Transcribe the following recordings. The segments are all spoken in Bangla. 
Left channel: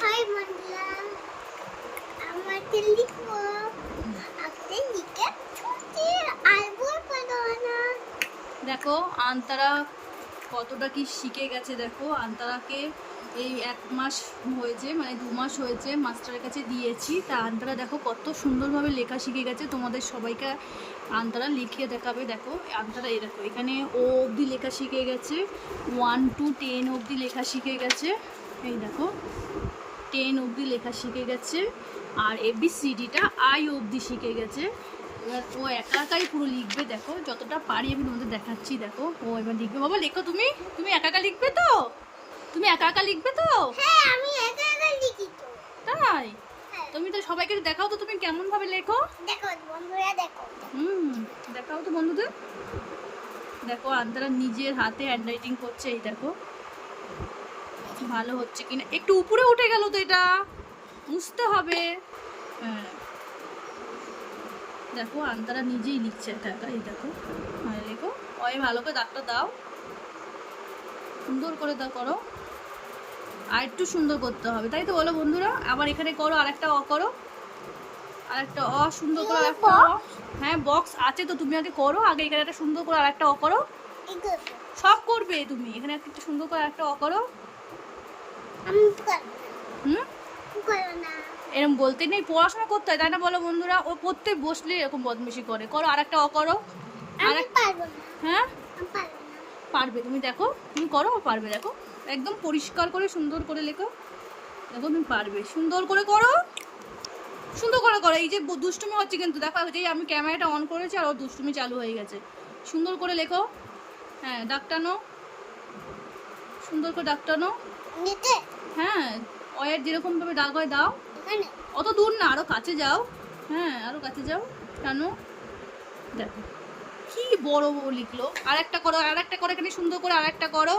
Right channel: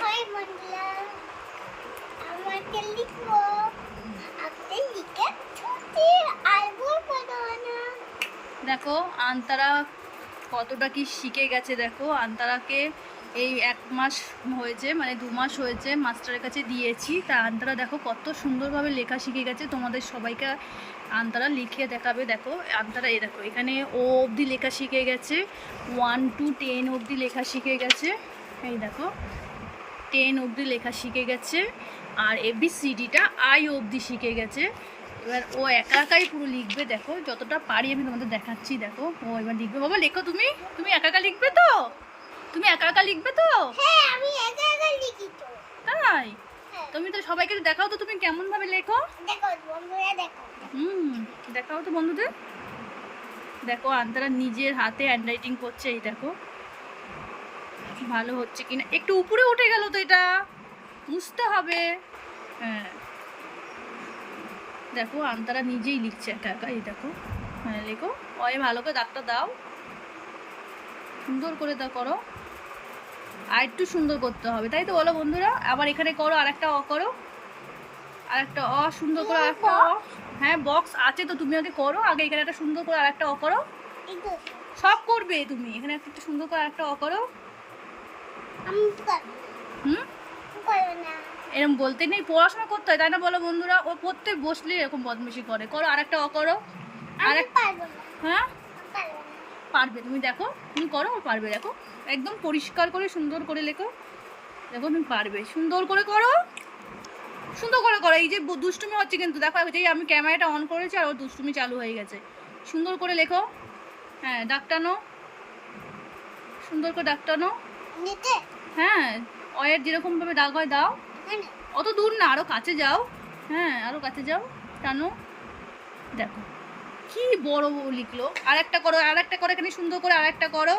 হাই বন্ধুরা, আমাকে লিখবো। আপনি লিখে ছুটির আইবুল পাঠানা। দেখো আন্তারা কতটা কি শিখে গেছে। দেখো আন্তারাকে এই 1 মাস হয়েছে, মানে 2 মাস হয়েছে মাস্টারের কাছে দিয়েছি। তা আন্তারা দেখো কত সুন্দরভাবে লেখা শিখে গেছে। তোমাদের সবাইকে আন্তারা লিখে দেখাবে। দেখো আন্তারা এই দেখো এখানে ও অবধি লেখা শিখে গেছে, 1 to 10 অবধি লেখা শিখে গেছে। এই দেখো 10 অবধি লেখা শিখে গেছে, আর ABCDটা I অবধি শিখে গেছে। এবার ও একা একাই পুরো লিখবে। দেখো যতটা পারি আমি তোমাদের দেখাচ্ছি। দেখো ও এবার লিখবে। বাবা লেখো, তুমি তুমি একা একা লিখবে তো? তুমি একা একা লিখবে তো? হ্যাঁ, আমি একা একা লিখি তো। তাই? হ্যাঁ। তুমি তো সবাইকে দেখাও তো তুমি কেমন ভাবে লেখো। দেখো বন্ধুরা, দেখো। দেখাও তো বন্ধুদের। দেখো আন্তারা নিজের হাতে হ্যান্ড রাইটিং করছে। এই দেখো ভালো হচ্ছে কিনা। একটু উপরে উঠে গেল তো, এটা মুছতে হবে। হ্যাঁ দেখো আন্তারা নিজেই লিখছে একা একা। এই দেখো হ্যাঁ লেখো। ওই ভালো করে দাগটা দাও, সুন্দর করে দা করো। আর একটু সুন্দর করতে হবে, তাই তো বলো বন্ধুরা? আবার এখানে করো, আর একটা অ করো, আর একটা অ সুন্দর করে, আর একটা অ। হ্যাঁ বক্স আছে তো, তুমি আগে করো। আগে এখানে একটা সুন্দর করে আর একটা অ করো। সব করবে তুমি। এখানে একটা সুন্দর করে আর একটা অ করো। করো না। এরকম বলতে নেই, পড়াশোনা করতে হয়, তাই না বলো বন্ধুরা? ও পড়তে বসলে এরকম বদমাশি করে। করো আর একটা অ করো। আর একটা পারবো না। হ্যাঁ আমি পারবো না। পারবে, তুমি দেখো তুমি করো, ও পারবে। দেখো একদম পরিষ্কার করে সুন্দর করে লেখো। দেখো তুমি পারবে, সুন্দর করে করো, সুন্দর করে করো। এই যে দুষ্টুমি হচ্ছে কিন্তু, দেখো এই আমি ক্যামেরাটা অন করেছি আর ওর দুষ্টুমি চালু হয়ে গেছে। সুন্দর করে লেখো। হ্যাঁ দাগ টানো, সুন্দর করে দাগ টানো। নিতে? হ্যাঁ অয়ের যেরকমভাবে দাগ হয় দাও। এখানে? অত দূর না, আরও কাছে যাও। হ্যাঁ আরও কাছে যাও, টানো। দেখো কি বড় লিখলো। আর একটা করো, আর একটা করো, এখানে সুন্দর করে আর একটা করো,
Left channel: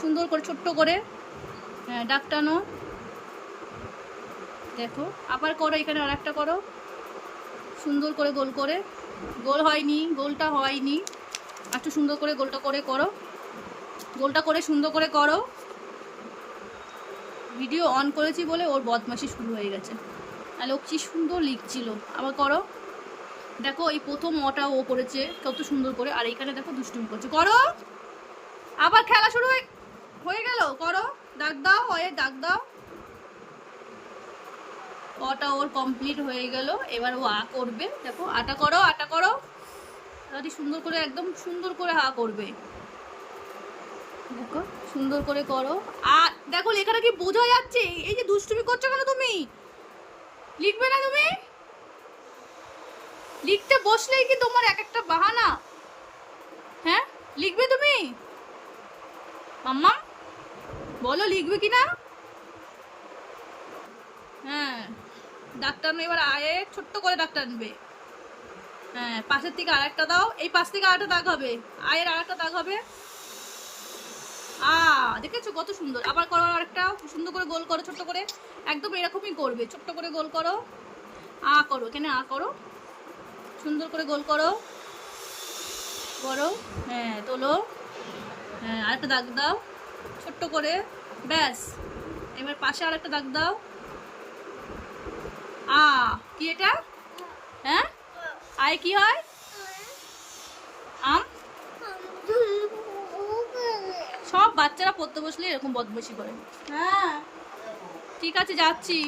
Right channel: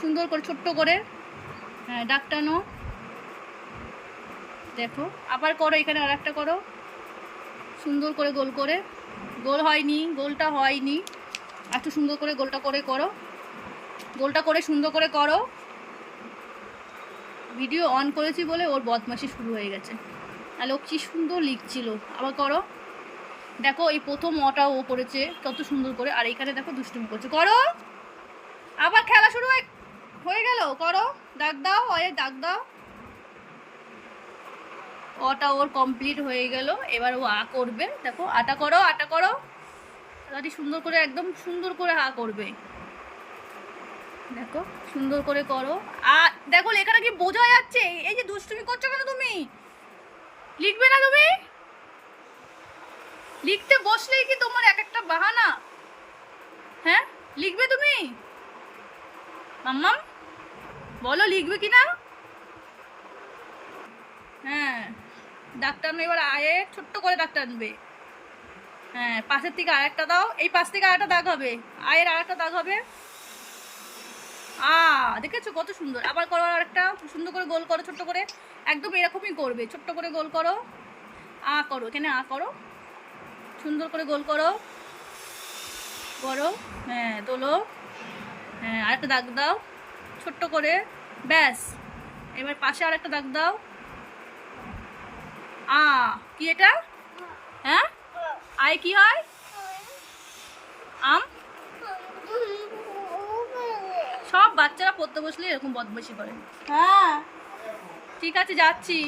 সুন্দর করে ছোট্ট করে। হ্যাঁ দাগ টানো। দেখো আবার করো, এখানে আর একটা করো, সুন্দর করে গোল করে। গোল হয়নি, গোলটা হয়নি, একটু সুন্দর করে গোলটা করে করো। গোলটা করে সুন্দর করে করো। ভিডিও অন করেছি বলে ওর বদমাশি শুরু হয়ে গেছে। আর ও কি সুন্দর লিখছিল। আবার করো। দেখো এই প্রথম অটা ও করেছে কত সুন্দর করে, আর এখানে দেখো দুষ্টুমি করছে। করো, আবার খেলা শুরু হয়ে গেল। করো, দাগ দাও, অয়ে দাগ দাও। অটা ওর কমপ্লিট হয়ে গেল। এবার ও আ করবে। দেখো আটা করো, আটা করো, তাড়াতাড়ি সুন্দর করে, একদম সুন্দর করে আ করবে। দেখো সুন্দর করে করো। আর দেখো লেখাটা কি বোঝা যাচ্ছে? এই যে দুষ্টুমি করছো কেন তুমি? লিখবে না তুমি? লিখতে বসলেই কি তোমার এক একটা বাহানা? হ্যাঁ লিখবে তুমি? মাম্মা বলো লিখবে কি না? হ্যাঁ দাগ টানো। এবার আয়ে ছোট্ট করে দাগ টানবে। হ্যাঁ পাশের থেকে আর একটা দাও, এই পাশ থেকে আর একটা দাগ হবে, আয়ের আর একটা দাগ হবে। দেখেছো কত সুন্দর। আবার করো আর একটা, সুন্দর করে গোল করো ছোট্ট করে। একদম এরকমই করবে, ছোট্ট করে গোল করো। করো, এখানে করো, সুন্দর করে গোল করো, করো। হ্যাঁ তোলো। হ্যাঁ আরেকটা দাগ দাও ছোট্ট করে, ব্যাস। এবার পাশে আরেকটা দাগ দাও। কি এটা? হ্যাঁ আয় কি হয়? আম। সব বাচ্চারা পড়তে বসলে এরকম বদমাশি করে। হ্যাঁ ঠিক আছে যাচ্ছি।